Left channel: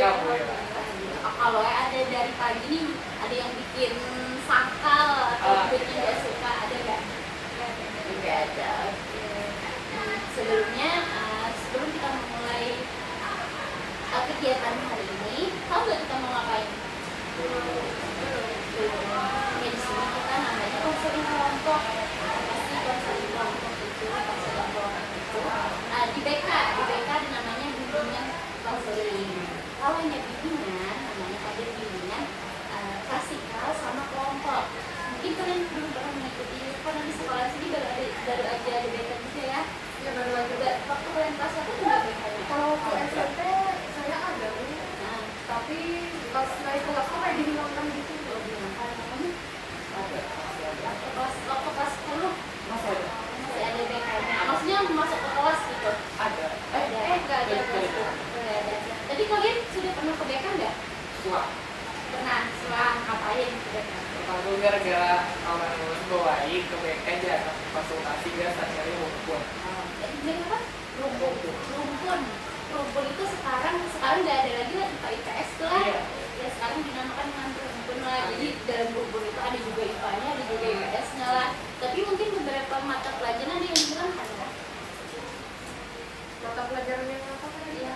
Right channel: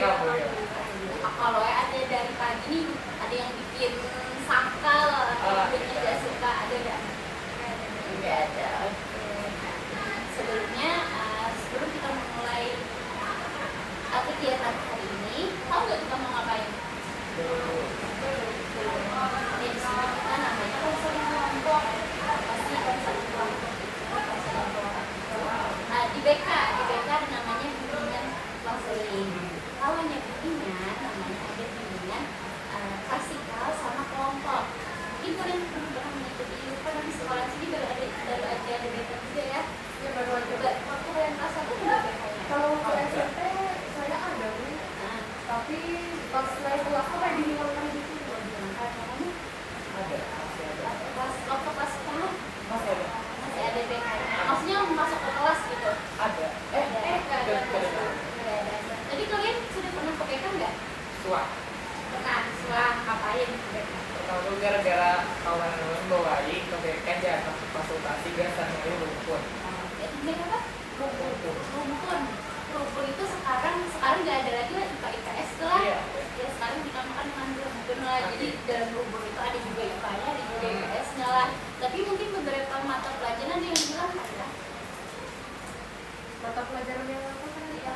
kamu ya. Kalau ada dari pagi nih, ada yang bikin sakal atau bikin yang nggak suka, ada nggak? Nggak ada. Sebelumnya, sebelum kita mulai kegiatan hari ini, tahu nggak kita mau ngapain? Ya, di sini kita namanya konseling kelompok. Pasti konseling kelompok itu di BK namanya bimbingan konseling. Kalau hanya bimbingan, namanya ada bimbingan klasikal sama kelompok. Mungkin kalian pernah mengikuti, karena di sekolah sini baru aja ada BK juga ya. Yang baru aja waktu kalian kelas 1 juga BK-nya. Kalau ke SMP saya ada, tapi pas naik kelas tuh kayak dihilangkan gitu loh, dihilangkan namanya. Ada. Waktu kelas 10 masih ada BK-nya. Maksudnya masuk ke kelas gitu. Ada. Nggak ada. Jadi kalian sudah pernah ke BK nggak? Pernah. Setelah ngapain ke BK? Kalau dulu gara-gara kalau yang bawain ke BK aja konsultasi biasanya rumpun. BK apa? Rumpun itu sekarang nggak ada lagi lah IPA IPS lah. Iya. Ya sekarang dinamakan dengan rumpun lah. Jadi dalam rumpun itu ada juga IPA-nya, ada juga IPS-nya lah. Tapi mungkin beberapa mata pelajaran yang dihilangkan ya. Mata pelajaran yang apa?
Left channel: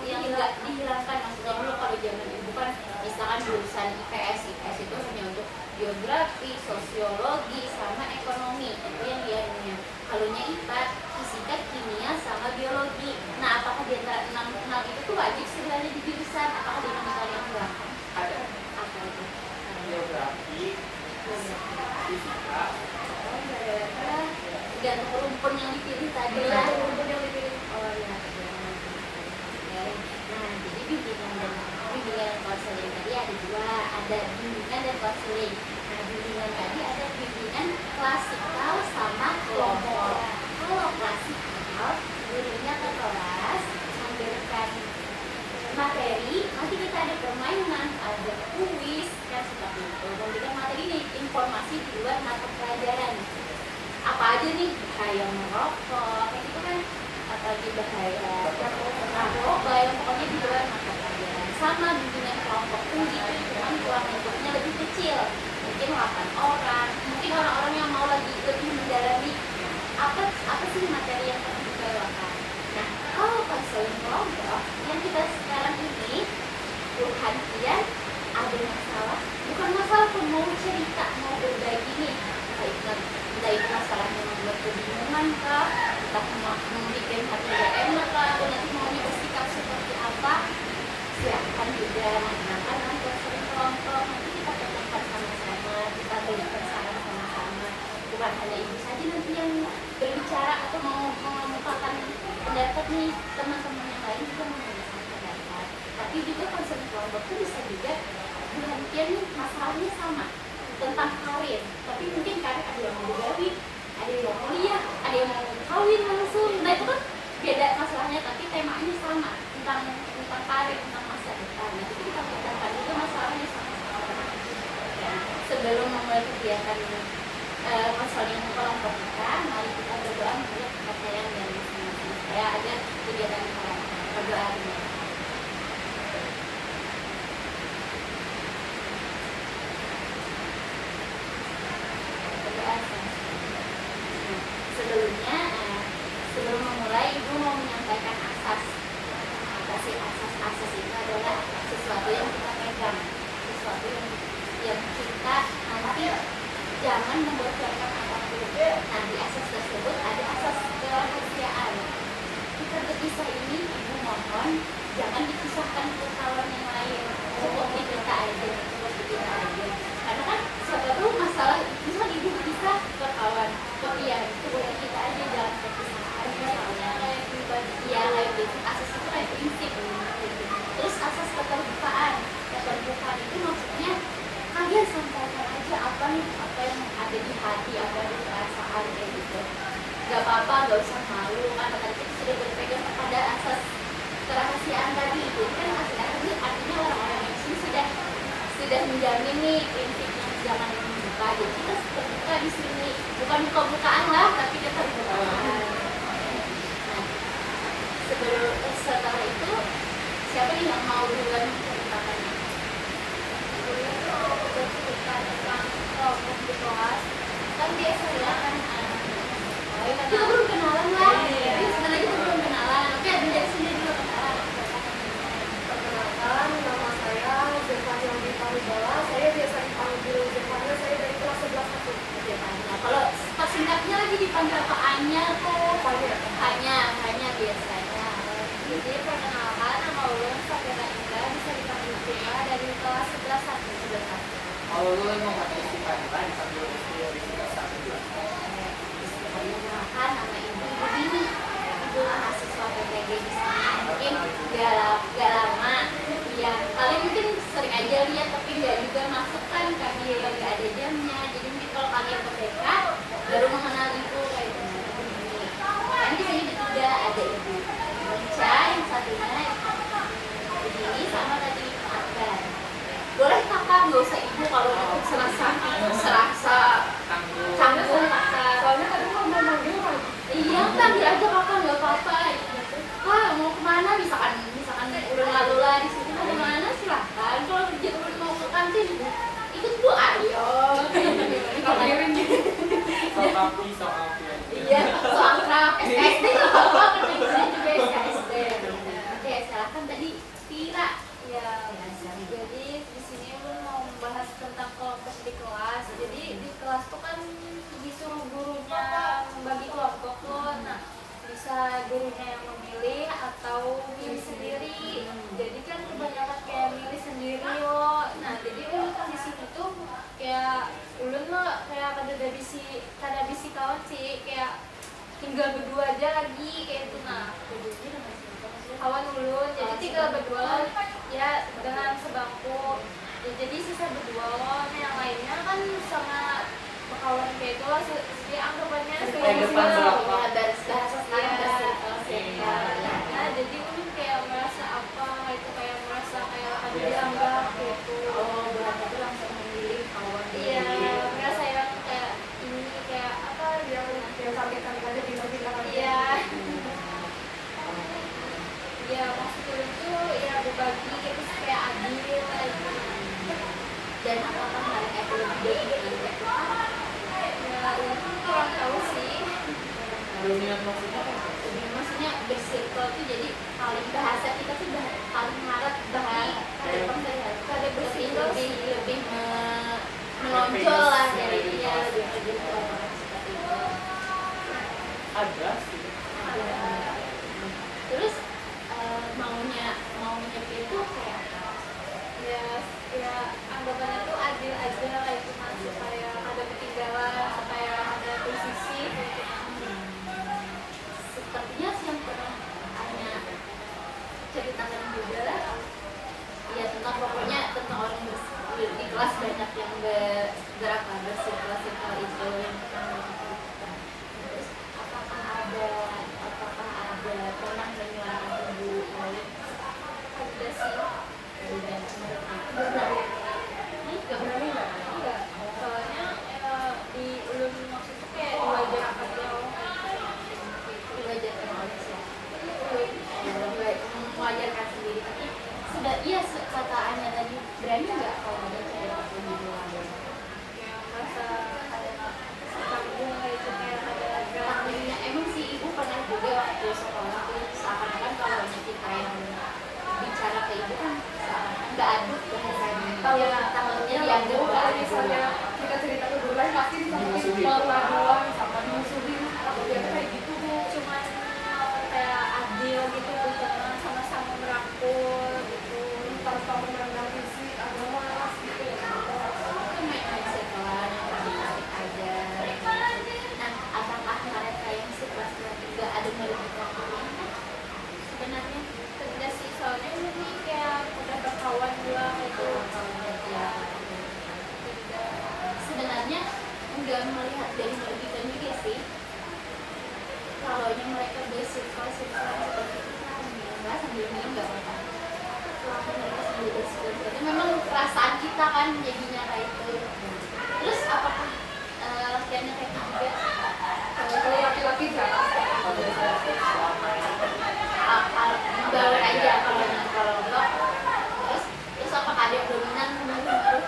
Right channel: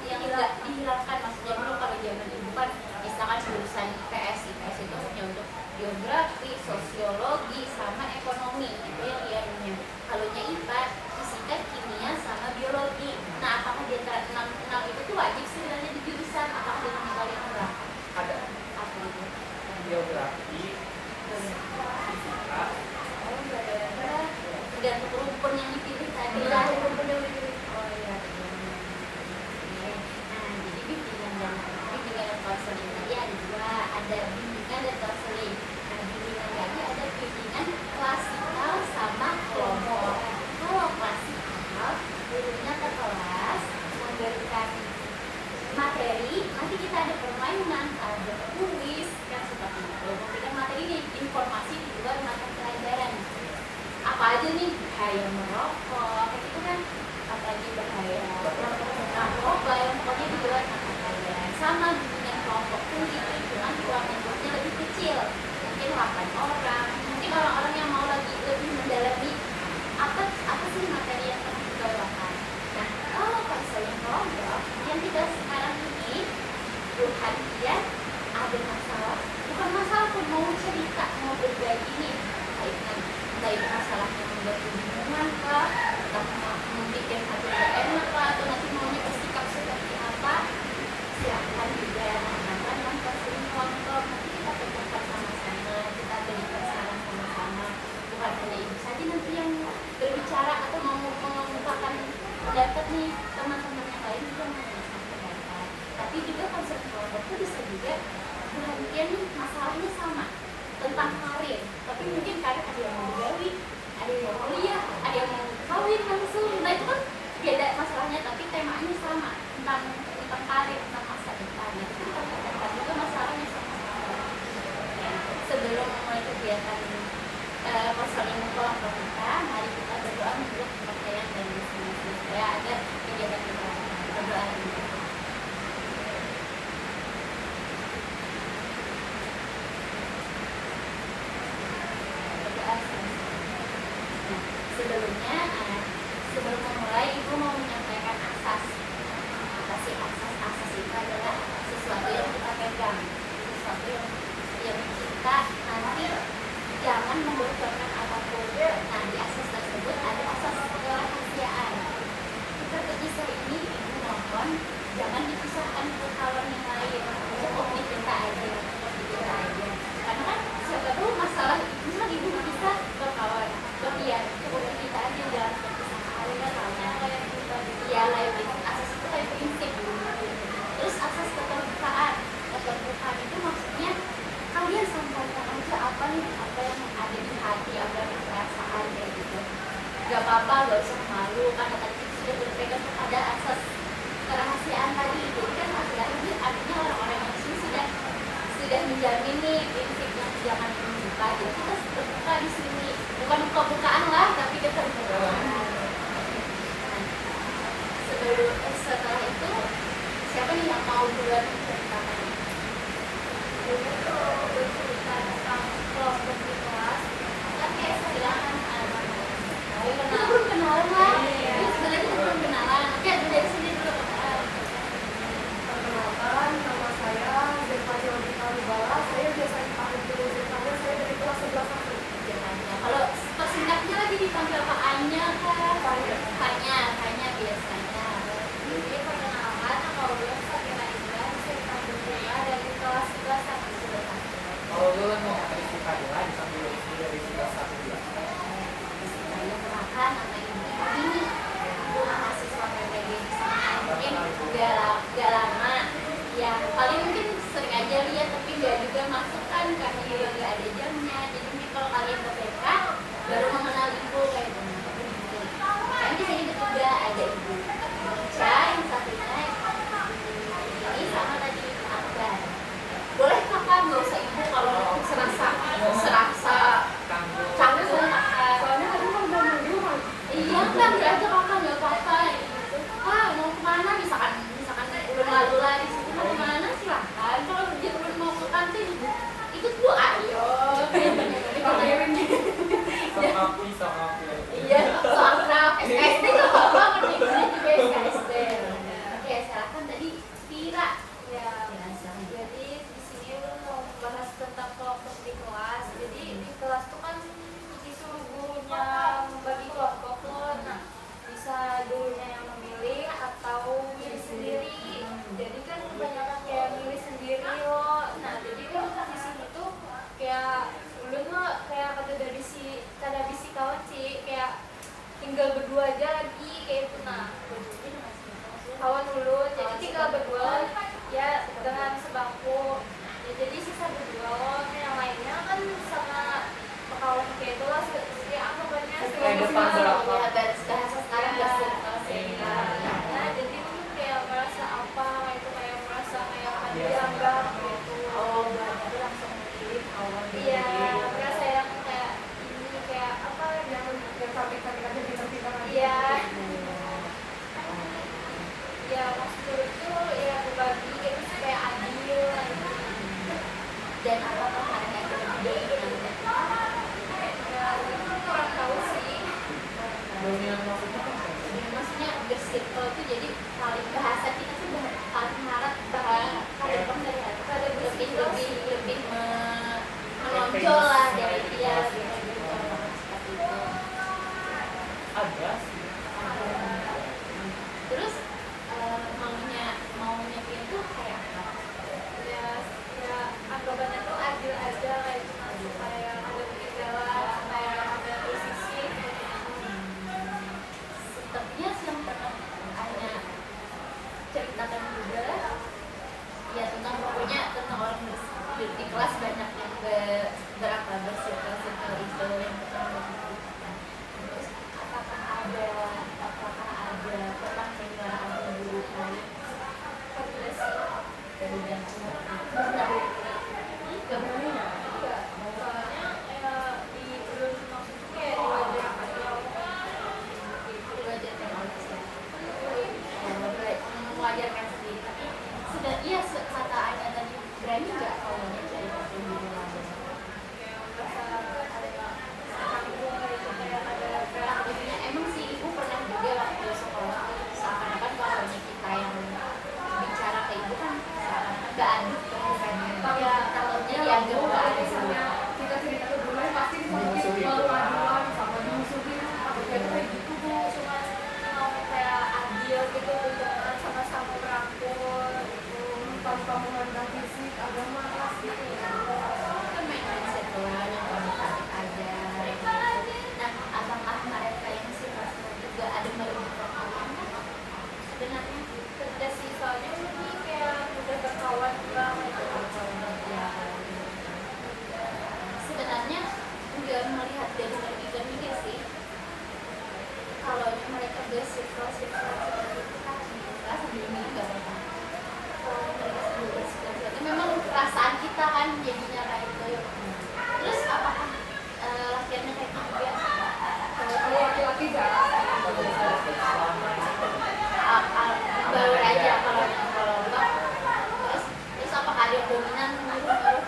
Yang nggak dihilangkan, maksudnya dulu kalau zaman ibu kan misalkan jurusan IPS itu hanya untuk geografi, sosiologi, sama ekonomi, itu yang dianunya. Kalau IPA, fisika, kimia, sama biologi. Nah, apakah di antara 6 itu tuh wajib sebenarnya di jurusan? Apakah dengan kalian hilangkan? Ada. Apa itu? Geografi, fisika. Gantung rumpun yang dipilih tadi ya. Oh iya. Nah, jadi bimbingan konseling tadi ada 2, ada bimbingan dan konseling. Nah, bimbingan tadi ada bimbingan klasikal sama kelompok. Kalau klasikal, gurunya ke kelas memberikan materi, nanti kita ada permainan, ada kuis, kan seperti itu. Memberikan materi di informasi di luar mata pelajaran. Apa aja nih, kayak merokok, itu kan apalagi bahaya narkoba yang pokoknya di luar mata pelajaran. Sama bimbingan kelompok pun gitu, cuman ruang lingkupnya lebih kecil, mungkin 8 orang, mungkin orang-orang yang mau lagi lebih mendalami apa sih materi yang pernah dibawakan. Nah, kalau konseling kelompok yang kita sekarang ini, Burhan Kian ada masalah, bukan masalah pun, mau cerita, mau berbagi nih, entah itu masalah yang membuat kebingungan kah, entah mau membuat hati gak enak kah, atau nanti maunya bersikap seperti apa, silahkan juga menggunakan konseling kelompok. Nanti kita ketemu sama-sama, kita berikan saran sama-sama, bukan hanya ibu saja nanti yang berbicara atau mau mengungkapkan pendapat nih, teman-teman yang lain juga menggunakan pendapat. Tapi juga konseling kelompok itu bisa juga berhentian nih masalahnya sama tentang karir, tapi mungkin karir ada yang mau bergawi, ada yang mau kuliah, ada yang mau kawin langsung. Nah itu kan beda masalahnya, tapi temanya sama tentang karir, tentang masa depan. Nah itu kita pendapatkan juga masalahnya sama-sama. Nah, sebelum memulai kegiatan konseling kelompok kita, mari kita berdoa menurut kepercayaan dan masing-masing saya agar kegiatan kita berdoa ini. Sebelum memulai, ibu mau menyampaikan asas. Apa sih asas? Asas itu adalah sesuatu yang kita pegang, sesuatu yang kita nanti jangan membocorkan apapun. Nah, di asas tersebut ada asas kerahasiaan. Kita berpisah ini, ibu mohon jangan dipisahkan ke kawan yang lain. Cukup di kita aja, Karena kan siapa tahu masalah, misal ibu berpisah ke kawan, cukup di kita aja, jangan ya, asas itu kayak prinsip. Terus asas keterbukaan itu maksudnya kalian sampaikan aja apa yang ada di hati, apa yang di perasaan kayak gitu. Gak apa-apa, gak usah malu, karena tadi kita sudah berpegang kepada asas kerahasiaan tadi. Jadi kan artinya orang-orang yang di sini sudah menjamin nih prinsip yang jangan membuka. Jadi kita terbuka di sini, bukan buka-bukaan lah, tapi kita terbukaan. Setelah itu, siapa yang nggak mau duluan cerita? kuliah tuh bercerita tentang kelompok di kelas kan biasa bilang kan ayo kita belum kenalan lah jadi sebenarnya kita belum kenalan oke dari sini dulu kenalan Perkenalkan, nama saya Zevania Rita Hubala. Saya biasa dipanggil Zevania. Saya dari kelas 11 kalau persingkatnya lagi dipanggil Pak Anya kan Kanya biasanya jadi perkenalkan nama ulun Sabrina Indra bisa dipanggil Prima dari kelas 11 sampai 11. Kalau lu mau pakai istilah dipanggil dari sila satu dua. Perkenalkan nama ibu Dini, ibu mahasiswa PPG di sini. Mungkin gak lama, ya paling mungkin sering aja lihat tapi nggak juga masuk kan karena lagi ada jamnya. Jadi mungkin kalau kalian ke PK baru mengenal ibu kayak gini. Dan di sini juga ada ibu Ica yang satunya ini sama tadi Akbar. Boleh kakak nggak usah ibu kalau serasa canggung kakak. Soalnya kadang mau manggil orang. Iya, panggil aja kakak nggak apa-apa. Kak mau kemana? Misalkan udah lalu lah di sini mau kemana silahkan. Kalau dia belum mau ke kantin, ikut bu ayo. Dipanggilin gitu. Soal Iya, soal akrab. SKSD nggak apa-apa, kerja juga SKSD. Oke, silahkan tadi Tira. Ya, Silakan. jadi di sini lu mau membahas tentang kelompok di kelas. Jadi di kelas tuh kan disuruh gurunya membagi kelompok tuh. Nah, bisa gurunya yang memilih atau pilih sendiri. Jadi kan kebanyakan kayak milih sendiri yo. Nah, jadi lu di sini tuh kayak ulun mah kayak kada bisi kawan sih kayak tinggal berdua aja lagi kayak itu. Nah, kawan ulun jadi tinggal berdua ya dengan sebangku ya, jadi sisa berdua yang lainnya kan sama kawan kayak itu lah jadi anggapannya depan berapa? Ya, garis sekarang nah jadi ulun kayak merasa apa itu kayak merasa kayak ada dianggap gitu. berarti langsung memilih kawan Iya, merasa yang kayak ini kayak apa yang kaget-kaget aja kita Iya. ya maksud itu ya berbagi gitu kayak adil gitu. Dan apakah mereka itu lebih Ya itu kurang tahu sih. dominan maksudnya apa? maksudnya bersirkel itu jadi paling bahasa kita tuh paling harap bakal ada lebih menonjol lah dari dia lebih ngomong seperti itu. Ada sih. Terus maunya dia itu kayak apa? Ya anggapannya tuh adil aja kayak cuma supaya ada ketinggalan supaya ada posisi kayak gitu. Sepertinya sih yang pernah Anya ceritakan juga ya tentang pokoknya tentang orang di kelas banyak yang berapa bersirkel itu yang pertama diceritakan. Terus apakah ada pernah menyuarakan guru lain? Ada sih. Dan Gak berani nggak? Iya. Soalnya ya di ulun maksudnya kayak diwajarkan ya gitu. diwajarkan oleh siapa? Mewajarkan sendiri tapi sudah iya kata Anya tadi berani nggak kalau dia cari waktu di rumah Ya merasa ada tanggung gitu kayak ada Takdirnya emang sih ibu pernah juga waktu sekolah tuh seakan-akan kalau banyak kita yang bicara ke ibu kan seakan-akan nggak adil bahasanya takutnya dianggap nggak adil. misalnya kita cerita ke duluan pasti disakitin malu-maluan sama dimusuhin atau kayak gitu bu. Cuman mau kayak adil gitu hubungan sama-sama merangkul gitu tanpa memandang fisik agama gitu. Itu main-main sekolah yang tarik aja gitu. Nah apakah mereka yang situasinya juga ada merugikan kalian sebenarnya? Kerja sih soalnya belum nih kayak udah berkawan bilang gitu. Sebenarnya nggak melihat dari merugikan juga sih. Kalau mereka bersifat seperti itu kan enggak sambil minum nggak apa-apa. Mereka sambil bersifat itu memang perasaan kita kan jadinya kayak itu. Terus apakah latihannya kayak gitu juga? Kalau laki-laki jarang. Gaul aja kalau ngobrol. Terus apakah ada yang dominan menurut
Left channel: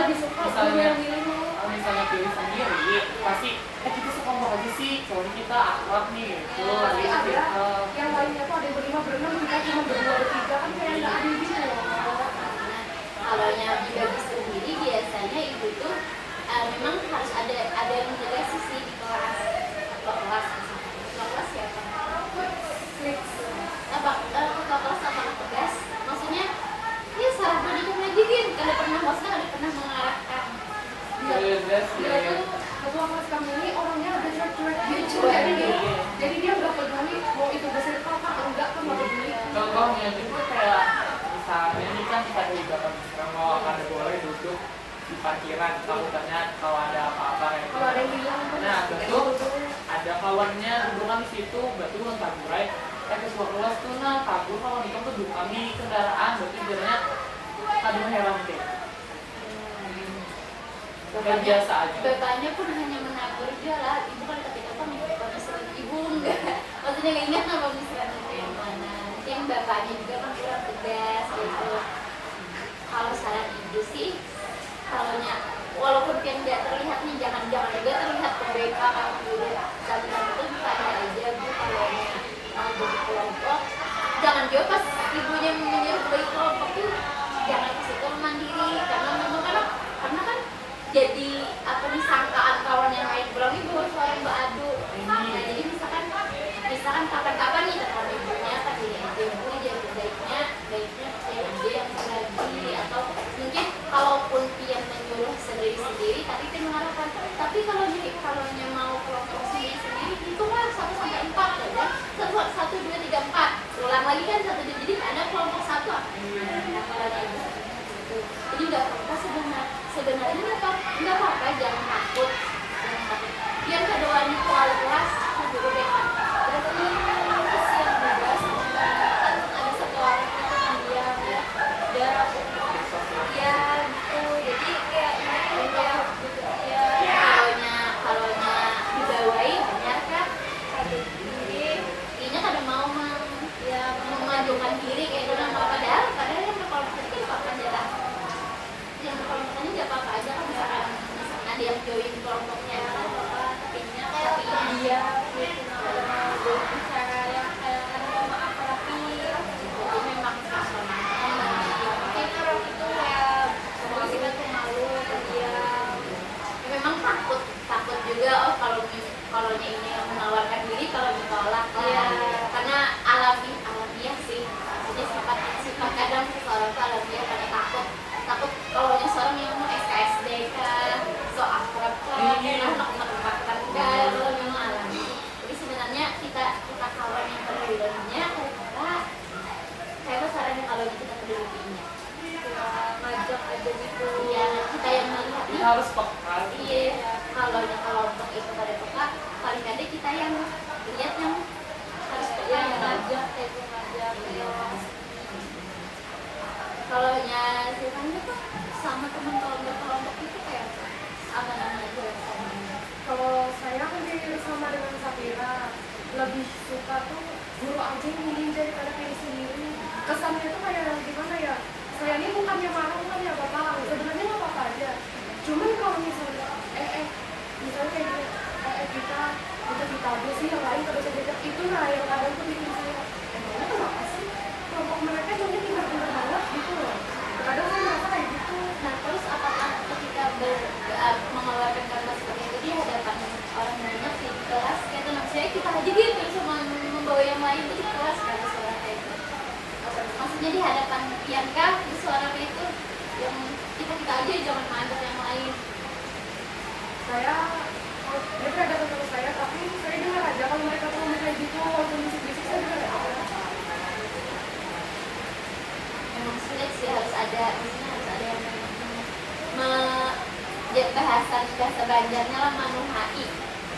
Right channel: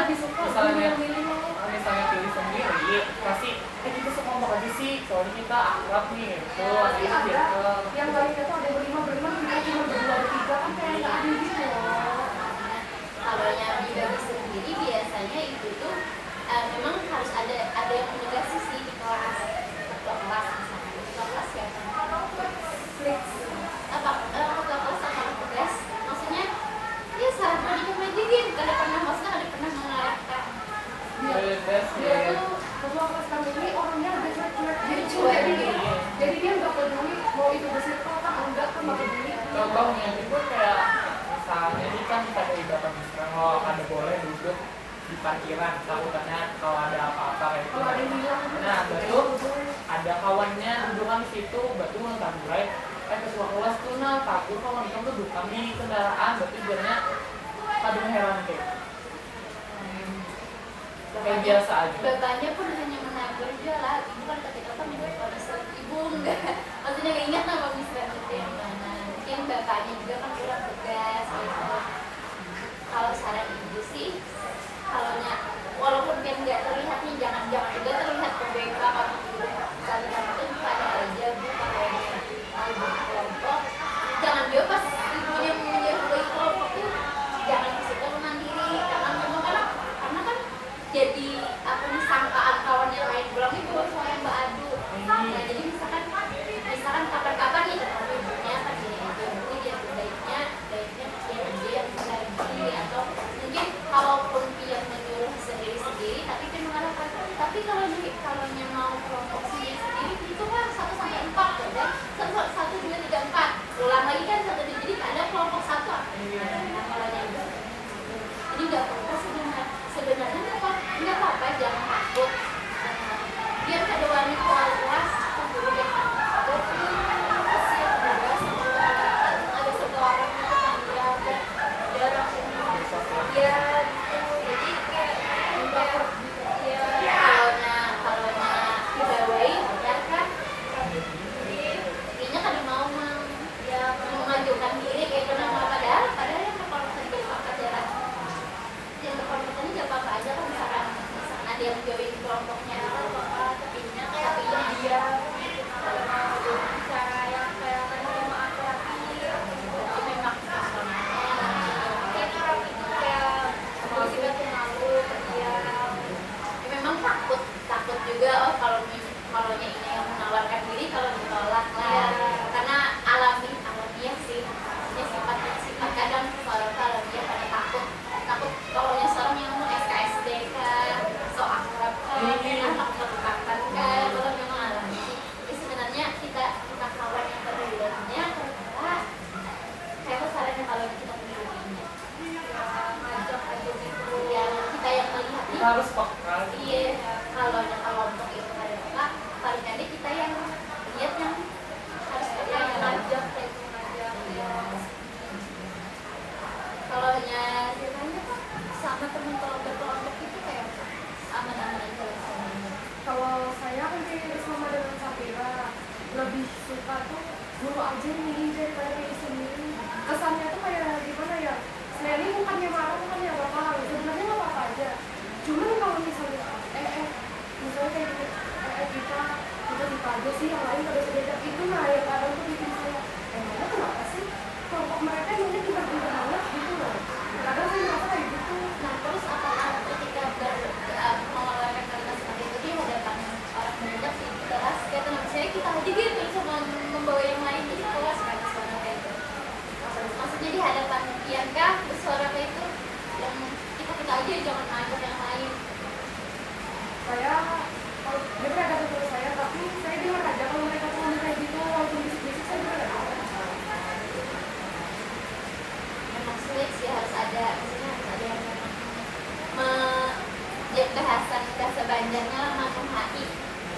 lebih suka guru yang milih. kalau misalnya pilih sendiri pasti kita sekelompok aja sih soalnya kita akrab nih gitu. Tapi Jadi ada circle. yang lainnya tuh ada berlima berenam, kita cuma berdua bertiga kan kayak nggak adil gitu loh. Nah, kalau yang dibagi sendiri biasanya itu tuh memang harus ada yang mendelegasi sih di kelas atau kelas siapa? Flix. Ketua kelas apa tugas? Maksudnya ya sahabat itu ngajarin, kada pernah mengarahkan. Bebas Dia deh. tuh ketua kelas kami ini orangnya udah cuek-cuek gitu. Cuek, Jadi dia nggak peduli mau itu beserta apa enggak kan nggak peduli. Contohnya itu kayak misalnya ini kan ada ibarat kalau ada boleh duduk di parkiran takutnya kalau ada apa-apa kayak gitu. Kalau ada yang hilang tuh. Nah betul ada kawannya dudukan di situ betul nggak mulai ketua kelas tuh nah takut kawan itu tuh dudukan di kendaraan berarti jadinya kadang heran kayak mungkin biasa aja. Bapaknya pun hanya menegur dia lah, ibu kan ketika apa pemikiran ibu enggak, maksudnya nggak ingat lah pemikiran itu yang mana. Mungkin bapaknya juga kan kurang tegas gitu. Kalau saran ibu sih, walaupun kan nggak terlihat nih, jangan juga terlihat PBK kamu dulu. Sama itu pada aja bu kalau mau berkelompok, jangan juga pas ibunya menyuruh bagi kelompok tuh jangan ke situ mandiri karena memang karena kan jadi apa nih sangkaan kawan yang lain bilang ibu soalnya mbak adu. Nah jadi misalkan kapan-kapan nih ketemu ibunya apa gini aja ibu dia baiknya dia yang lagi atau mungkin kalaupun dia menyuruh sendiri tapi dia mengharapkan tapi kalau mau kelompok sendiri hitunglah 1 sampai 4 ya 1 2 3 4 ulang lagi kan 1 jadi ada kelompok 1 nah kalau yang jadi nggak apa-apa sebenarnya nggak apa-apa jangan takut biar kada wani terlalu keras dulu jangan berarti kasihan juga sama ada satu orang yang bilang darah ya gitu jadi kayak ya kalaunya dibawahi benar kan kayaknya kada mau memajukan diri kayak itu nama padahal yang berkelompok tadi kan apa adalah yang berkelompok ini nggak apa-apa aja kan misalkan ada yang join kelompoknya tapinya kayak dia cara yang kayak apa-apa jadi memang kita orang itu kayak mau kita tuh malu dia memang takut juga kalau ini yang menawarkan diri kalau ditolak lah karena alamiah sih maksudnya sifat kadang seorang tuh alamiah karena takut kalau seorang yang mau SKSD kan so akrab kan enak melupakan kan kalau memang alami jadi sebenarnya kita kawan yang pedulihnya kayak sarannya kalau kita pedulinya ngajak aja gitu ya kita yang melihat Kita harus peka. iya kalau kelompok itu pada peka paling ada kita yang lihat yang harus peka yang yang ngajak kayak itu ngajak kalau nya sebenarnya kan sama teman kelompok itu kayak aman-aman aja rasanya. Kalau saya kan pilih sama dengan Safira lebih suka tuh guru aja yang milih daripada pilih sendiri. Kesannya tuh kayak gimana ya? Saya ini bukannya marah, bukannya apa-apa. Sebenarnya nggak apa-apa aja. Cuman kalau misalnya misalnya kayak gini, kita aja sih yang lain kalau beda itu lah yang kadang tuh bikin saya emangnya kenapa sih kelompok mereka mungkin pintar-pintar banget gitu loh. Kadang saya merasa kayak gitu. Nah terus apakah ketika mengeluarkan kalimat seperti itu di hadapan orang banyak di kelas kayak teman saya kita aja gitu sama membawa yang lain di kelas kan suara kayak itu maksudnya di hadapan Bianca bersuara kayak itu yang kita aja jangan ngajak yang lain Saya dia pernah datang ke saya tapi saya dengar aja kalau mereka ngomong kayak gitu walaupun bisik-bisik saya dengar aja. emang sulit sih harus ada yang bahasa Banjarnya lah manuhai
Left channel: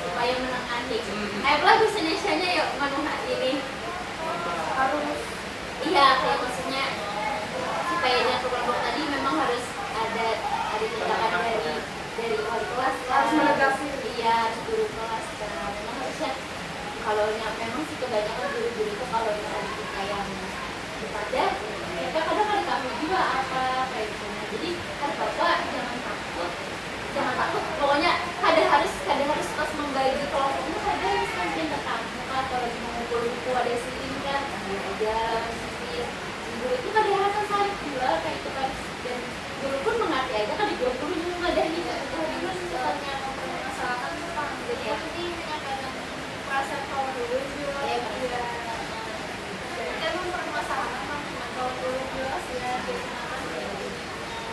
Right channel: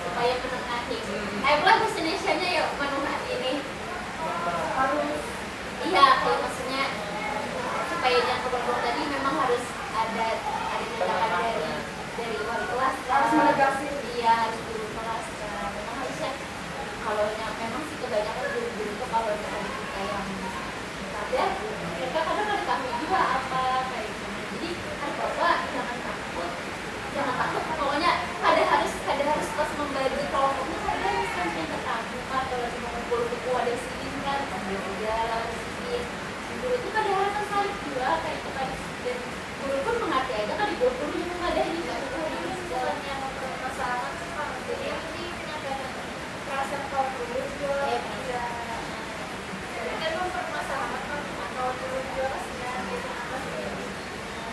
supaya menengahi lagu Indonesianya yuk manuhai ini Harus iya kayak maksudnya supaya dia kelompok tadi memang harus ada tindakan dari wali kelas harus menegasin. iya guru kelas kan memang harusnya kalau memang sih kebanyakan guru-guru itu kalau ada kita yang ada mereka kadang ada kami juga apa kayak gitu jadi kan bapak jangan takut jangan takut, pokoknya kada harus terus membagi kelompoknya. Kada misalkan pinter kamu kan kalau lagi mau ngumpul buku ada silin kan ambil aja silin. Guru itu kada harus saling juga kayak itu kan, dan guru pun mengerti aja kan di guru juga ada nih yang mempermasalahkan Pak. Jadi yang ini menyatakan perasaan kaum dulu juga ya. jadi kan mempermasalahkan kan cuma kaum dulu juga kasihan kayak kenapa sendiri.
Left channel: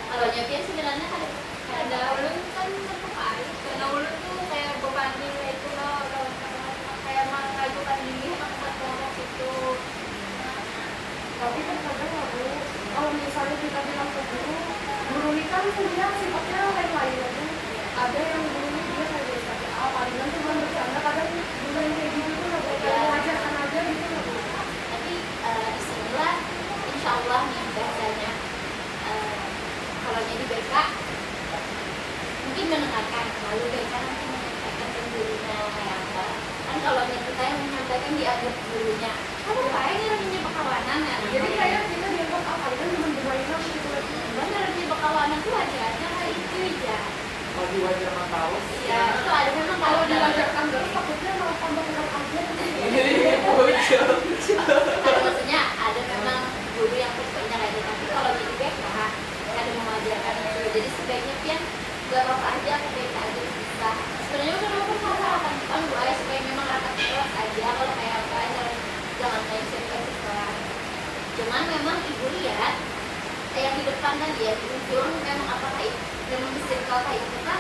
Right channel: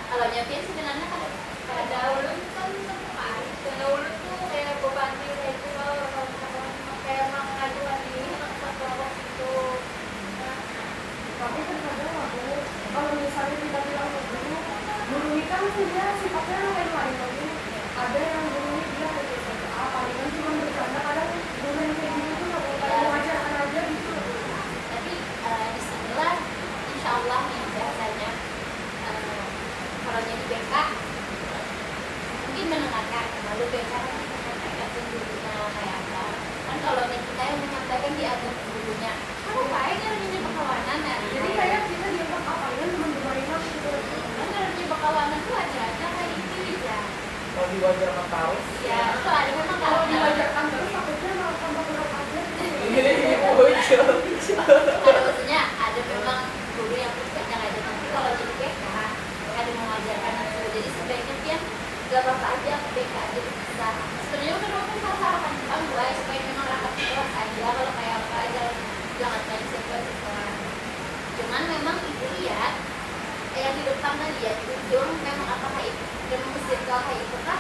Kalau nyiapin sebenarnya Ada ulun kan satu hari, karena ulun tuh kayak beban diri itu loh, kayak mengajukan diri sama kelompok itu. Tapi terkadang aku kalau misalnya kita bilang ke guru ini kan dia sifatnya lain-lain lagi. Ada yang guru ini dia kayak biasa aja, palingan cuma bercanda. Kadang guru yang kayak gitu tuh nggak kayak mengajarkan aja gitu. tapi disinilah insya Allah nih bahasanya kalau jadi BK mungkin mendengarkan, lalu BK nanti menyampaikan ke gurunya kayak apa kan. Kalau kita yang menyampaikan dianggap gurunya kamu baik orangnya bakawanan ya, Jadi kayak kita dianggap palingan cuma bermain gitu. cuman orangnya bakawanan tuh ajarannya kayak itu ya. Kalau diwajarkan tahu Ya itu ada memang Kalau kalau diwajarkan terus takutnya malah tambah kenal aja. ini bocil. karena maksudnya ada memang guru yang berpindah aja, tapi kalau jadi BK ada mengajarkan itu, jadi sebaiknya kan gak apa-apa aja ke BK aja bisa. Sebenarnya kan apa salah akan dipanggil ya supaya memang rakyat kelas aja, kalau kayak apa aja jangan kayak situasi sekolah. Cuman memang ibu lihat kayak di depan kan lihat di ujung memang apakah itu memang di circle kayak itu kan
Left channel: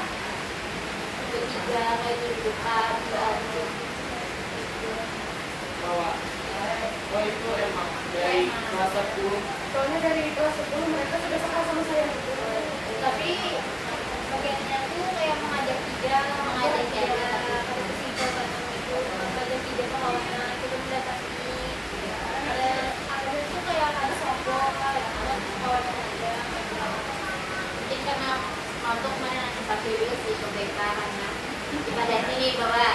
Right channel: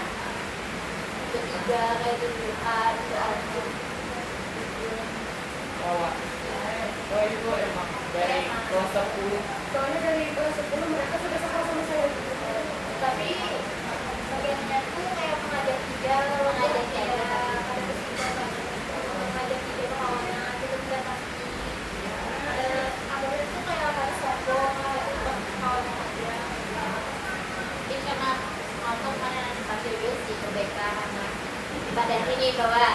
bertiga kayak berdoa gitu. Bawa. Oh itu emang dari kelas 10. Soalnya dari kelas 10 mereka sudah suka sama saya. Tapi bagiannya tuh kayak mengajak tiga, kalau mengajak tiga mengajak tiga kawannya kita mendapati ada tuh kayak ada sombong kawannya aja. Mungkin karena untuk mana nanti pakai sih ke BK karena pada ini bahwa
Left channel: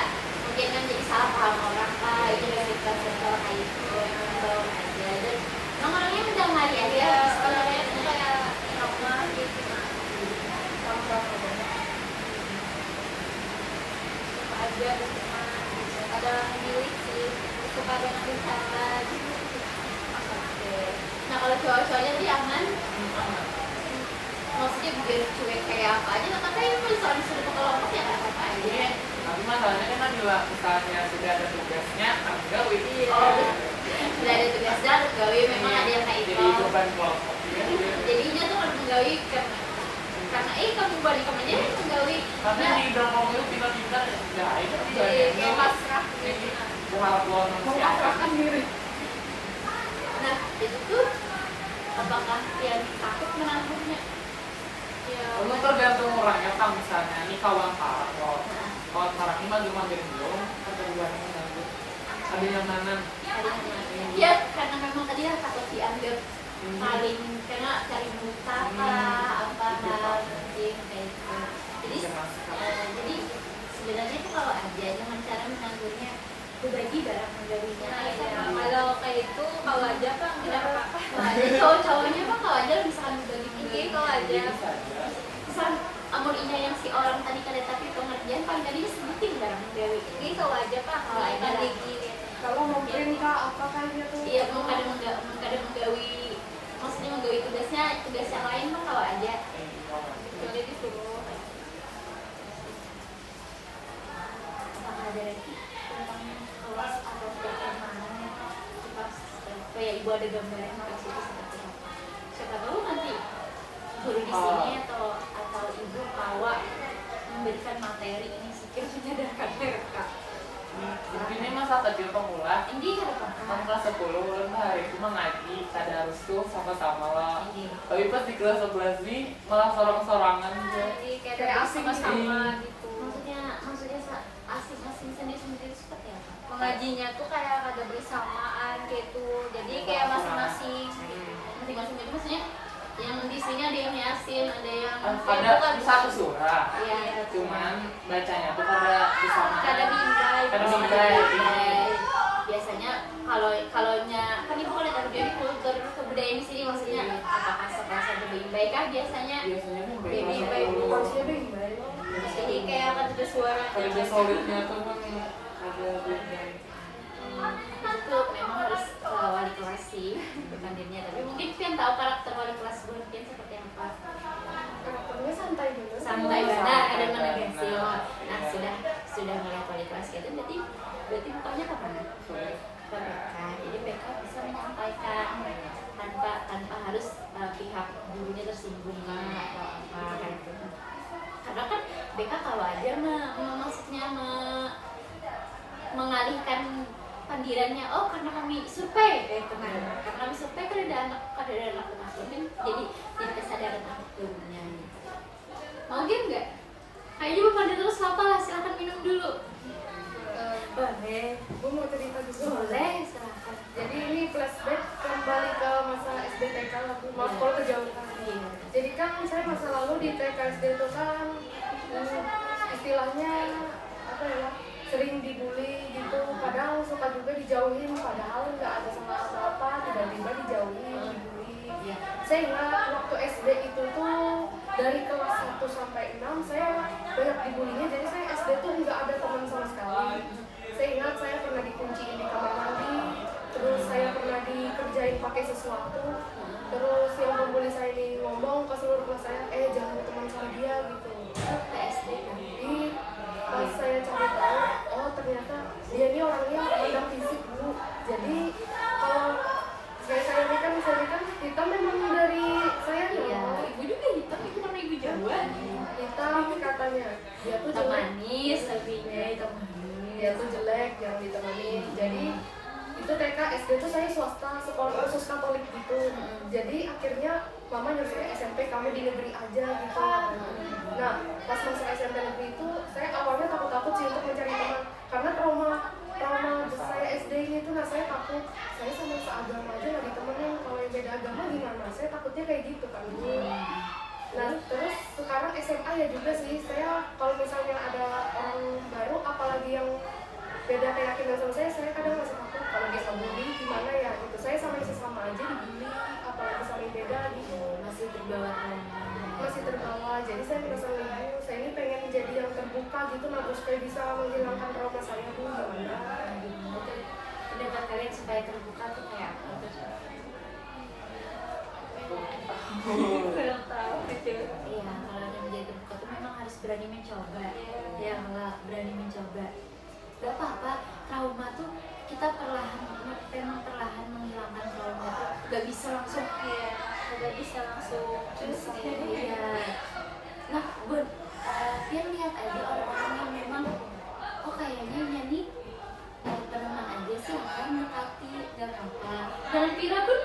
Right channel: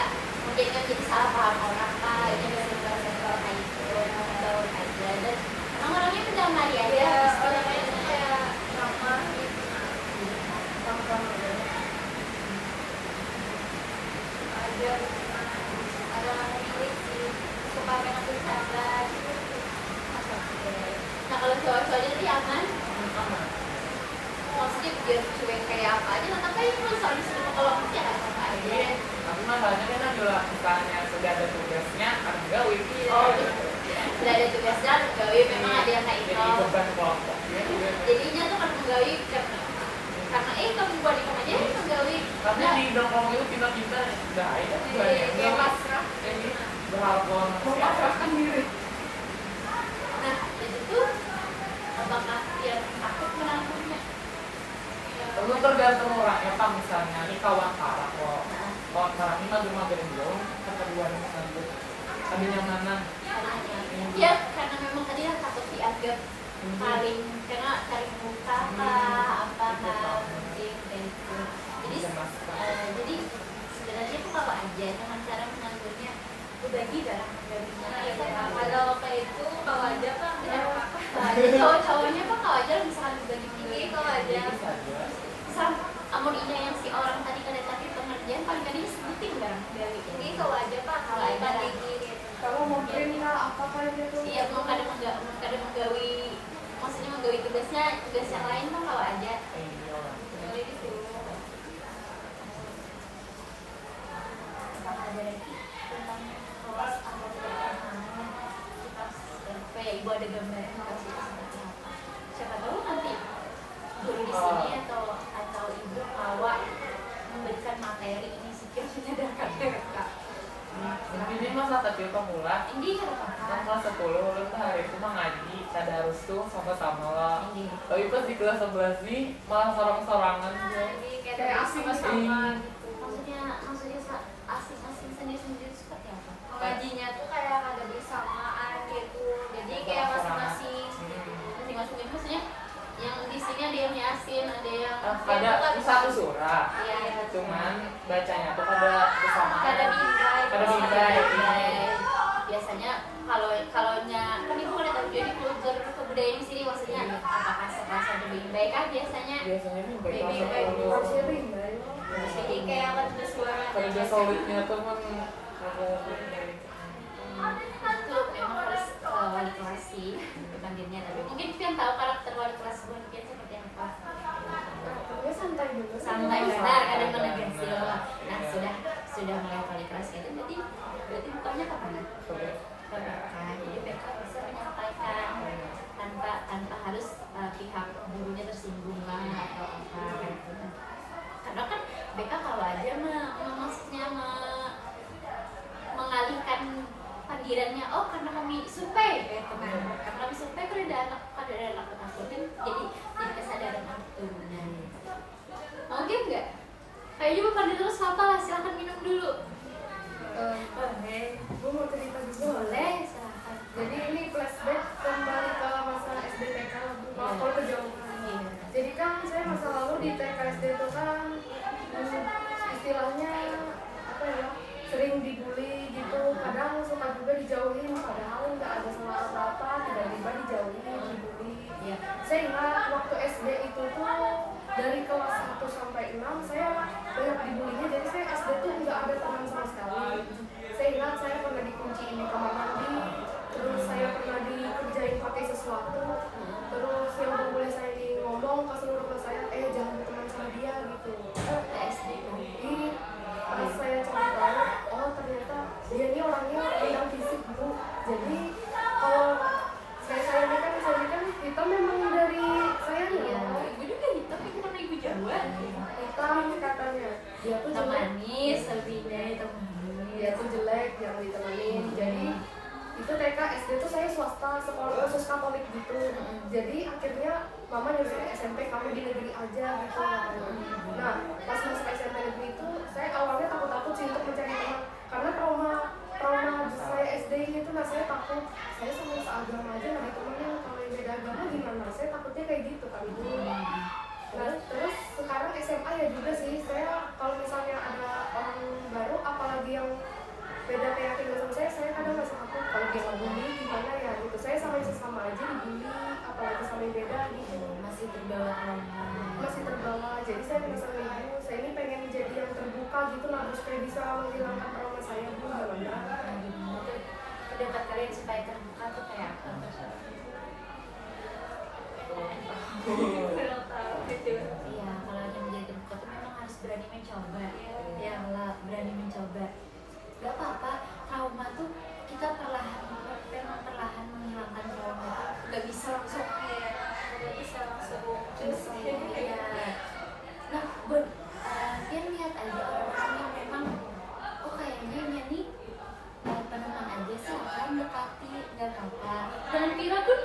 mungkin kan jadi salah paham orang kah ini dari kelas-kelas kayak itu baru aja, dan emang orangnya mendamai aja Ya, sebenarnya itu kayak ramah gitu. Ada milik sih, suka dengan bercanda gitu. nah kalau cowok-cowoknya sih aman, maksudnya biar cuek kayak apa aja nah tapi kalau soal disuruh ke kelompok ya nggak apa-apa aja. Tapi masalahnya kan bila misalnya sudah ada tugasnya harus gawe. Oh udah ada tugasnya harus gawe, memang ada yang kayak Jadi itu. beban kelompok. Jadinya tuh kan menggawi karena kamu balik kamu aja menggawi. Karena di dorong itu pintar-pintar sudah ada. Jadi kayak pasrah. Ini berharap Tuhan Memaksakan diri. Nah itu tuh apakah dia takut menangkapnya? Itu tergantung orangnya. Pak misalnya ini kawan parah kok. Kawan parah ini mager-mager belum. Kedua ini mager. Ada yang mana? Ya karena memang tadi yang takut dianggap paling karena cari muka apa mungkin kayak gitu. Jadi jadi sebenarnya tuh kalau aja dengan cara menanggungnya berbagi darah menggawinya aja. Kalau kayak itu kalau aja Pak, kenapa? Kalau aja cowok-cowoknya mah kalau aja misalkan berbagi Ini kalau aja misal amun inya yang si orang tadi kada tapi pengertian paling tadi sebutin barang menggawi ini kalau aja Pak, kalau aja gini. Kalau mungkin kak apa kayaknya tuh? iya mau kada menggawi maksudnya menggawi tugas yang lain mah kalau aja Jadi disuruh. apakah ada lagi tentang kelas atau bagaimana kita supaya ibu ada gambaran kasih itu seperti apa, siapa tahu nanti guru di sini atau ibu awak memberikan materi ini sekiranya dari kak Intinya masa tadi pemula. ini ada Kan apa kelas 10 itu hari itu mah ngaji tadarus tuh sama-sama lah. ini Tapi pas di kelas 11 nih malah sorong-sorangan gitu. Jadi Kayak asing sama-sama gitu. maksudnya asing-asing sendiri-sendiri seperti apa? Mengajinya tuh kayak ada bersamaan gitu. Jadi kayak masing-masing gitu. Masing-masing itu maksudnya yang di sini ada yang yasin, ada yang Ada satu surah. Iya, Cuman bacanya tuh kada bersama. Kada bingkai. Kada bingkai. biasanya kalaunya kan ibu kan ada jadi kultur kebudayaan di sini, maksudnya apakah sekelas ada bayi kah biasanya? Biasanya nih Baby, baik baby. dulu. Masih rimba ya. Jadi kayak akan ada suaranya. Kalau dia solidnya tuh kan ada duitnya. Itu memang harus wali kelas sih bukan dirinya, tapi mungkin Pian tahu karakter wali kelas gue Pian seperti apa. Karakternya santai dulu. Santai benar, ada menegasi loh. Nah sudah melihat wali kelas gitu, berarti bukannya kemana? Ke BK. Jadi BK bisa menyampaikan tanpa harus pihak gurunya tersinggung lah atau apa kayak gitu. Karena kan BK kalau aja maksudnya mengalihkan pandirannya, oh karena kami survei karena kami survei kan ada anak mungkin jadi kesadaran untuk turunnya. Mau game nggak? Kayaknya mau pandir terus apa lah, silahkan minum dulu. Boleh. Gue mau cerita juga. Boleh, silahkan. Jadi ini flashback kembali ke masa SD TK lagi. Maaf kalau kejauhan. Iya. Jadi kan saya masa lalu di TK SD itu kan istilahnya apa ya, sering dibully gitu. Kadang suka juga dijauhin, padahal nggak ada salah apa-apa, tiba-tiba dijauhin, dibully. Iya. Saya ingat waktu SD itu tuh dari kelas 1 sampai 6 saya banyak dibulinya, jadi saya SD tuh nggak ada teman sama sekali. Saya ingat saya pernah dikunciin di kamar mandi, terus saya pernah dikerjain pakai sesuatu, terus yang pembuli saya ini ngomong ke seluruh kelas saya, jangan berteman sama dia gitu. PSD kan. Jadi pas saya cari tahu, oh ternyata dia ini orangnya pandang fisik Bu. Jadi kalau saya ini kan hitam memang dari saya Iya, ya. ibu juga hitam, ibu kan ibu Jawa. Hitam katanya. Dia tuh Hitam jelek. manis, lebihnya hitam manis. Dia tuh jelek, jangan ditemani. Jadi itu TK SD tuh saya swasta, sekolah khusus Katolik gitu. Jadi akhirnya mama nyuruh saya SMP kamu di negeri aja gitu. Nah pas masuk SMP negeri itu saya awalnya takut sih untuk mencari teman karena trauma saya SD itu. Nah saya takut saya sama seagama aja nggak ditemenin, kalau yang beda agama gimana, saya takutnya kayak gitu kan Bu. Nah terus sekarang SMA ya juga sih, saya kalau misalnya ada orang baru apalagi yang beda keyakinan sama saya kadang masih takut kalau dia ngebully gimana ya gitu. Saya sama sesama aja dibully, apalagi sama yang beda gitu. Masih terbawa trauma. Masih terbawa, jadi saya merasa ibu, saya ini pengen jadi yang terbuka gitu lah Bu, supaya bisa menghilangkan trauma saya Bu. Gimana? Pendapat kalian supaya terbuka tuh kayak apa? Kurang tahu itu. Iya, kalau ada menjadi terbuka tuh memang harus berani mencoba. Ya, berani mencoba. Gak apa-apa, trauma tuh kita memang perlahan menghilangkan trauma itu. Gak bisa langsung Nggak bisa langsung cus. Iya. Nah, dia lihat aja orang-orang yang memang, oh kayaknya dia nih peneman aja sih, orang dekati, gak apa-apa. Dan Pira pun,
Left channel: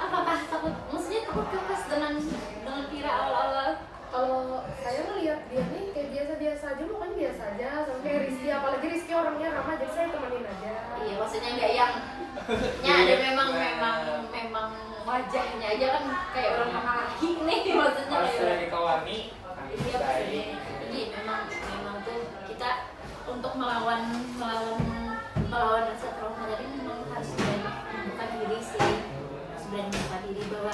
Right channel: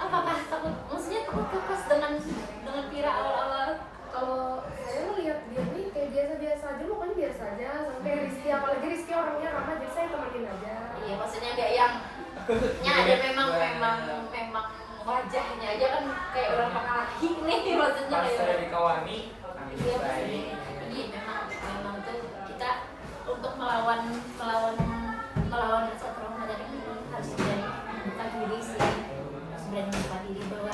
apakah takut? Maksudnya takut pas dengan Pira awal-awal? Kalau saya melihat dia nih kayak biasa-biasa aja, mukanya biasa aja, sama kayak Rizky, apalagi Rizky orangnya ramah, jadi saya temenin aja. Iya, maksudnya nggak yang ada memang wajahnya aja kan kayak orang pengalih nih, maksudnya Pas kayak lagi kawani, iya pasti. Jadi memang tuh kita untuk melawan rasa trauma tadi memang harus berani membuka diri sih, harus berani membuka diri bahwa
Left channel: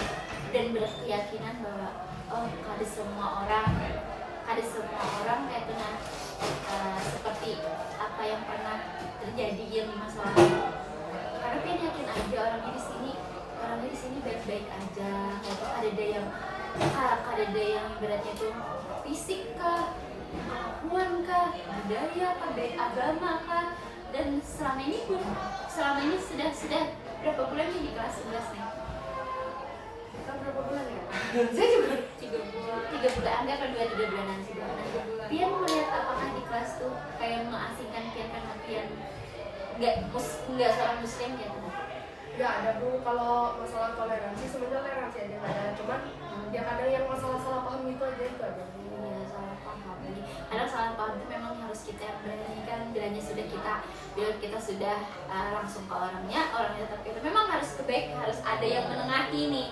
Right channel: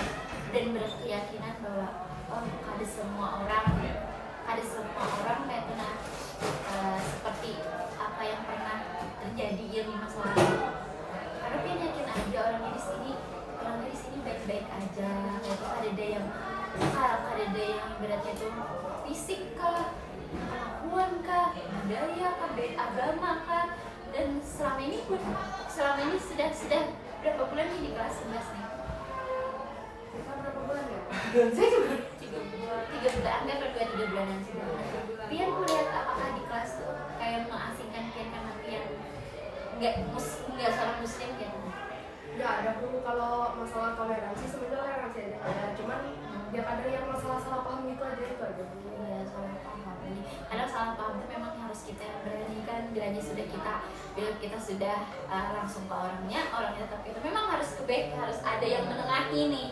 dan berkeyakinan bahwa oh kada semua orang kayak kena seperti apa yang pernah terjadi yang di masa lalu. Karena Pian yakin aja orangnya di sini baik-baik aja. Itu ada yang beratnya itu fisik kah, kelakuan kah, budaya kah, agama kah, dan selama ini sudah berapa bulan nih di kelas 11 nih? Kita berapa bulan ya? Saya juga 3 bulan, anggap 2-3 bulanan sih. Pian melihat apakah di kelas tuh kayak mengasingkan Pian karena Pian nggak seorang muslim gitu? Nggak ada Bu, kalau masalah toleransi sebenarnya toleransi aja ada, cuman ya kadang yang masalah salah paham itu aja Bu. Iya, salah paham. Kadang salah paham itu memang harus kita yang beranikan. Bila kita sudah langsung ke orangnya tetap itu memang harus harus ada yang menengahi nih.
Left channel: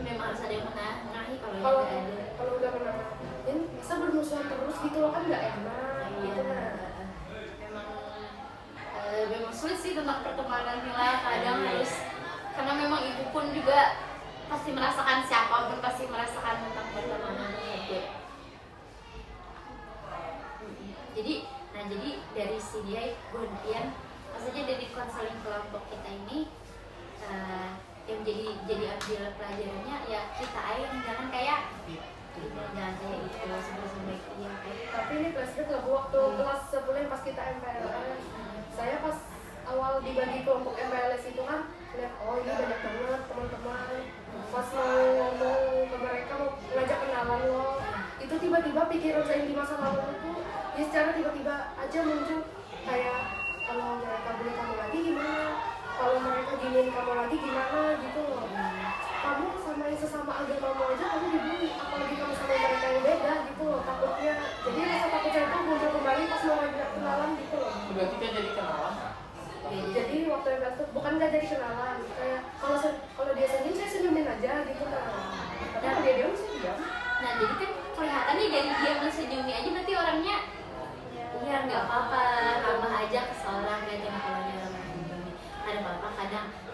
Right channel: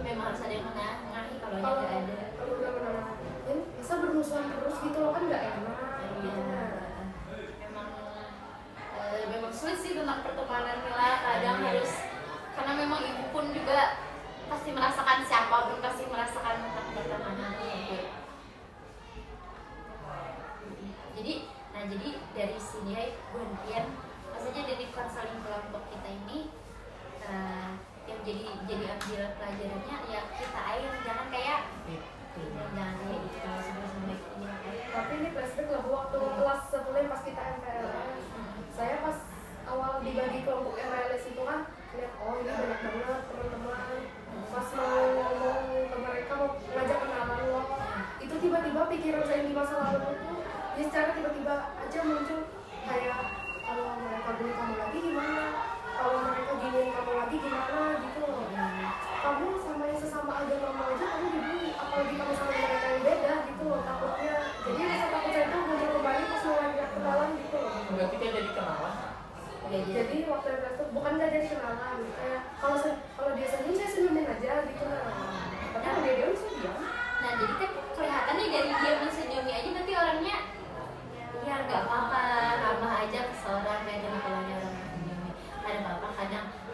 Memang harus ada yang menengahi. Kalau nggak ada. Kalau udah menengahin, masa bermusuhan terus gitu loh, kan nggak enak. Iya. Gitu, nah. Memang sulit sih tentang tentang pertemanan Mila, kadang harus, karena memang ibu pun juga pasti merasakan, siapapun pasti merasakan tentang pertemanan tersebut. Jadi dari sini ya gantian, maksudnya dari konseling kelompok kita ini yang jadi ambil pelajarannya ya kita aja, jangan kayak jangan kayak gitu sebelum ya kayak. Tapi ini flashback lah waktu kelas 10 pas kita MPLS. Saya pas awal dibagi kelompok MPLS itu kan lihat, oh ini banyak banget teman-teman. Pas mau ngomong ke mereka, mau ngajak kenalan loh, itu tiba-tiba pikiran saya di masa lalu itu ya secara tiba-tiba aja muncul kayak, kalau mereka bully kamu lagi gimana, kalau mereka giniin kamu lagi gimana gitu loh. Kamu sama yang sesama agama aja kamu dibully, apalagi kamu sama mereka yang beda gitu loh, takutnya. Jadi rasa takut saya tuh muncul kembali pas mau ngajak kenalan gitu loh. Berarti kita jadi kenalan. Jadi waktu itu bukan gak jadi kenalan, kayak kalau dia senyum saya senyumin aja gitu lah. Tapi kalau dia diam saya diam. Nah jadi kan kelihatannya dari dia mensenyumi aja nanti orangnya ya nggak apa-apa, ramah aja ke seorang, dan kalau dia orang mensenyumi ada apa-apa,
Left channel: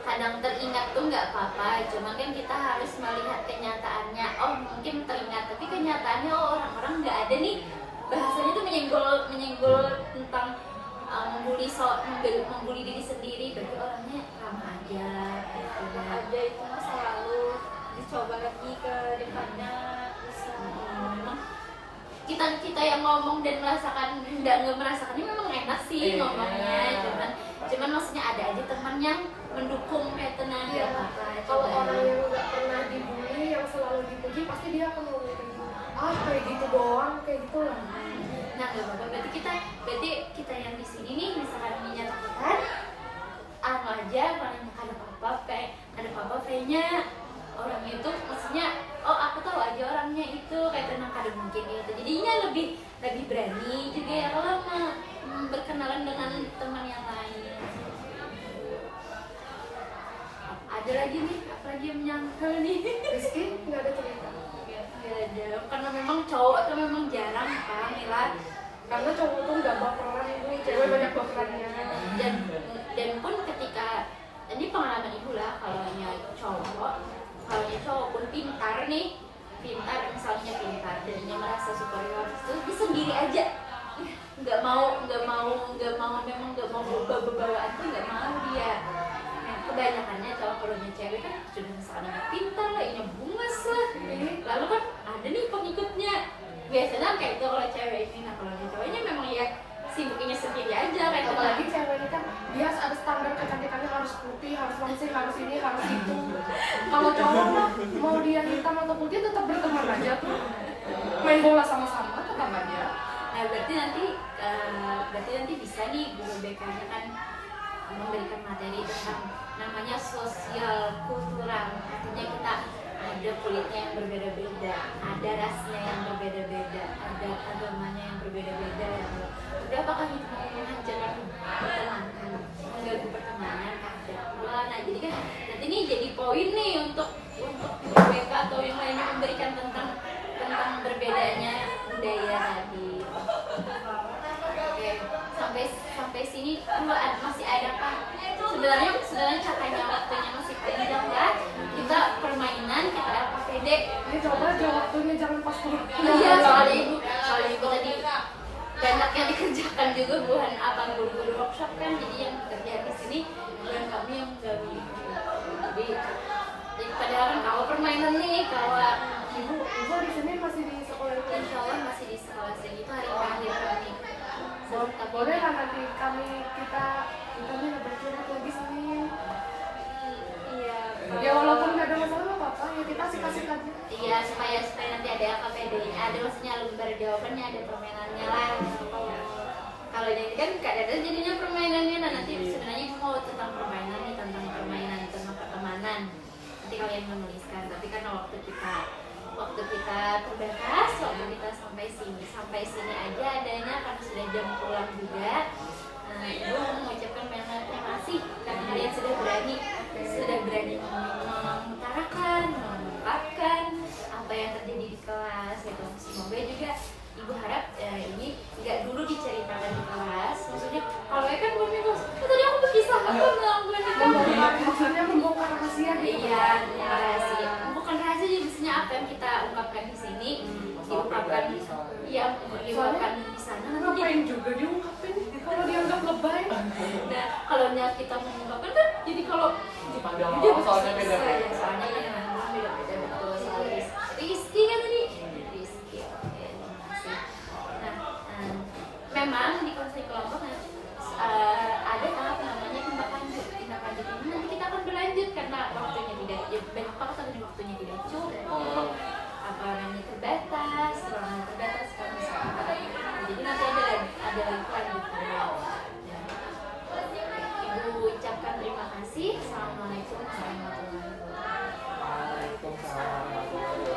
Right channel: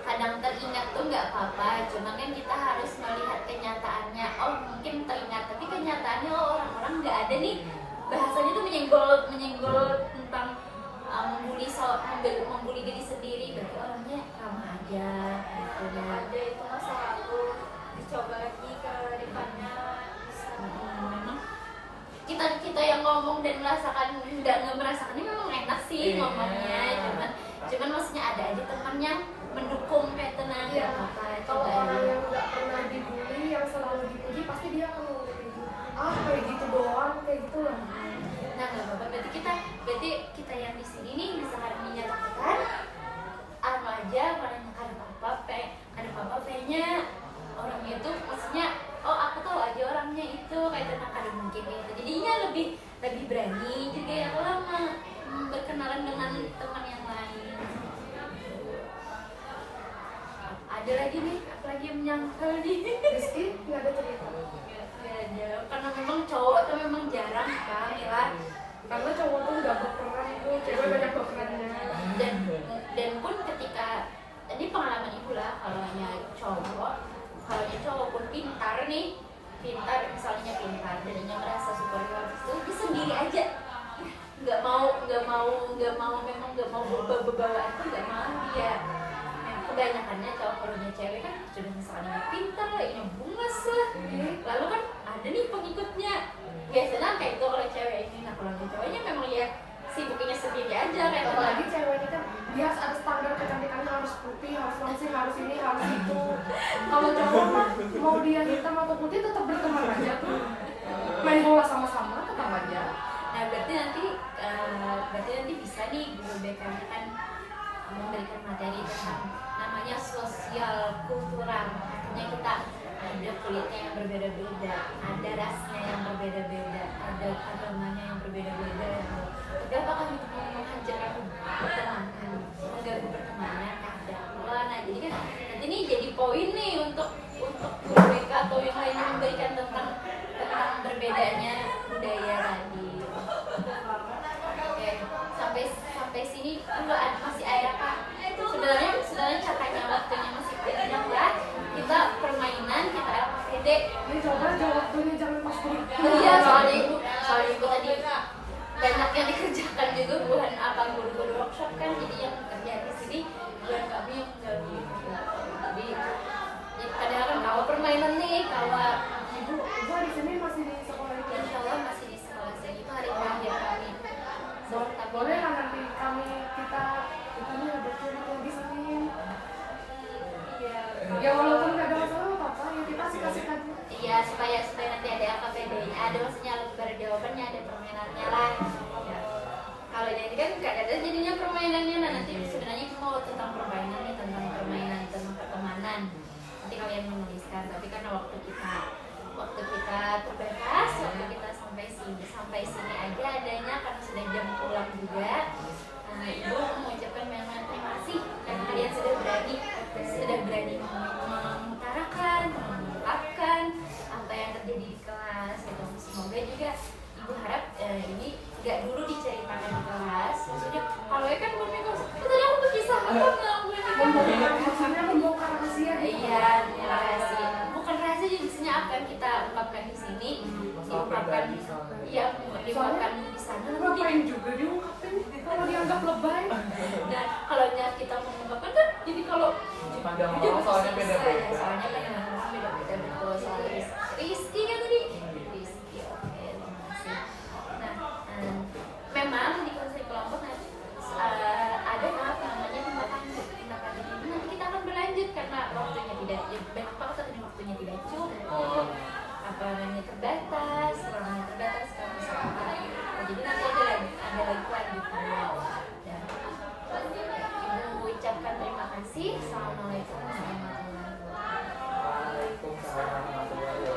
kadang teringat tuh nggak apa-apa, cuma kan kita harus melihat kenyataannya. Oh mungkin teringat, tapi kenyataannya orang-orang nggak ada nih, bahasanya tuh menyenggol tentang membuli diri sendiri, berarti orangnya ramah aja gitu ya. Ada itu masa lalu, dicoba lagi ke depannya bisa. Memang kita yang ngomong dan merasakan nggak merasakannya memang enak sih ngomongnya, cuman maksudnya ada aja teman yang mendukung kayak tenang Iya. apa-apa. Kalau Coba orang yang nggak pernah dibully, yang selalu dipuji, pasti dia akan ngomong kayak gitu. Kayak gitu doang, kayak gitu lah. Nah nggak apa-apa, berarti kita yang di sini nih misalkan menyatakan apa aja, ada apa-apa pengen orang itu, maksudnya oh aku tahu aja orangnya itu kayak tenang, ada mungkin gitu, jadinya lebih berani juga ya kalau berkenalan dengan teman yang lain. Ada lagi nih, apalagi yang menyangkal nih. Rizky nggak ada cerita. Gak ada, karena memang cowok tuh memang jarang kan Mila, Karena cowok tuh nggak baperan itu, cewek banyak baperannya. dan pun ketika ini pengalaman ibu lah, kalau cowok pun pintar misalnya pintar dan merasa superior itu dia sendiri aja, nggak mau memang nggak mau bawaan tuh nggak mau dia. Kebanyakannya kalau cewek kan sudah misalnya pintar lah, ini bungas lah, lalu kan ada nih pengikutnya biasanya kayak itu kalau cewek ini. Nah kalau ceweknya memang ya sibuknya sendiri aja kayak Apalagi cewek ini kan dia harus standar kecantikannya, harus putih, harus langsing, harus ini, harus itu. Kalau cowok mah mau dia hitam atau putih tetap berteman aja tuh, main bola sama-sama tetap aja. Nah berarti nanti bisa nih guru BK-nya kan memberikan materi tentang namanya sosial kultural, artinya kita ada kulitnya yang berbeda-beda, ada rasnya yang berbeda-beda, ada agamanya yang berbeda-beda. Tapi apakah itu mau menghancurkan pertemanan, mengganggu pertemanan? Ada. Nah jadi kan nanti ini jadi poin nih untuk guru BK atau yang lainnya memberikan tentang berbedanya budaya tadi. Oke, sampai sini masih ada apa? Sebenarnya katanya waktunya masih panjang lah. Kita permainan, kita LKPD. Ini coba dia waktunya jangan pas kuliah. Iya, soalnya ibu tadi banyak yang dikerjakan juga, bukan abang guru-guru workshop kan, jadi yang kerja di sini bukan kami yang mengganggu. Jadi padahal kan kalau permainan nih, kalau Ibu di sini masih di sekolah itu. insya Allah masih di sekolah sini, itu hari terakhir kami. Boleh lah nanti kita nih lebih curhat lagi sini. Iya. Ya walaupun nggak ada masalah apa-apa, ya kita kasih aja. Iya, supaya nanti ada LKPD-nya, ada maksudnya alumni jawabannya, ada permainannya lah. Ya. Kalau jadi kan nggak ada jadinya permainannya, nah nanti sebenarnya mau tentang permainan nih, tentang permainan, tentang pertemanan. Nanti kalian menuliskan, tapi karena waktu kita terbatas, waktu kita sampai sini aja adanya karena sudah jam pulang juga. Ibu mengucapkan terima kasih karena kalian sudah berani mengutarakan, mengungkapkan apa yang terjadi di kelas gitu. Semoga juga ibu harap ini nggak dulu diceritakan di kelas. Maksudnya kalau kan tadi aku berkisah Membongkar, maksudnya membongkar rahasia. Iya, rahasia. Bukan rahasia sih, maksudnya apa yang kita ungkapkan di sini diungkapkan, iya, diungkapkan di sana. Ngapain juga diungkapin kalau dianggap lebay? Dan kalau kita mengungkapkan kan, jadi kalau Dipandang dia orang soalnya beda-beda. soalnya kan orang beda-beda, betul. Soal Rizky kan tadi, Rizky. Oke, terima kasih. Nah, memang di konseling kelompok ada tahap namanya tindak lanjut. Tindak lanjut ini nanti kita akan berlanjut karena waktunya tidak, ya banyak banget tadi waktunya tidak cukup, apa namanya terbatas, ruangannya terbatas kalau misalkan. Jadi nanti ada lagi lanjutnya. Dan Ibu ucapkan terima kasih. Assalamualaikum warahmatullahi wabarakatuh. Waalaikumsalam warahmatullahi wabarakatuh.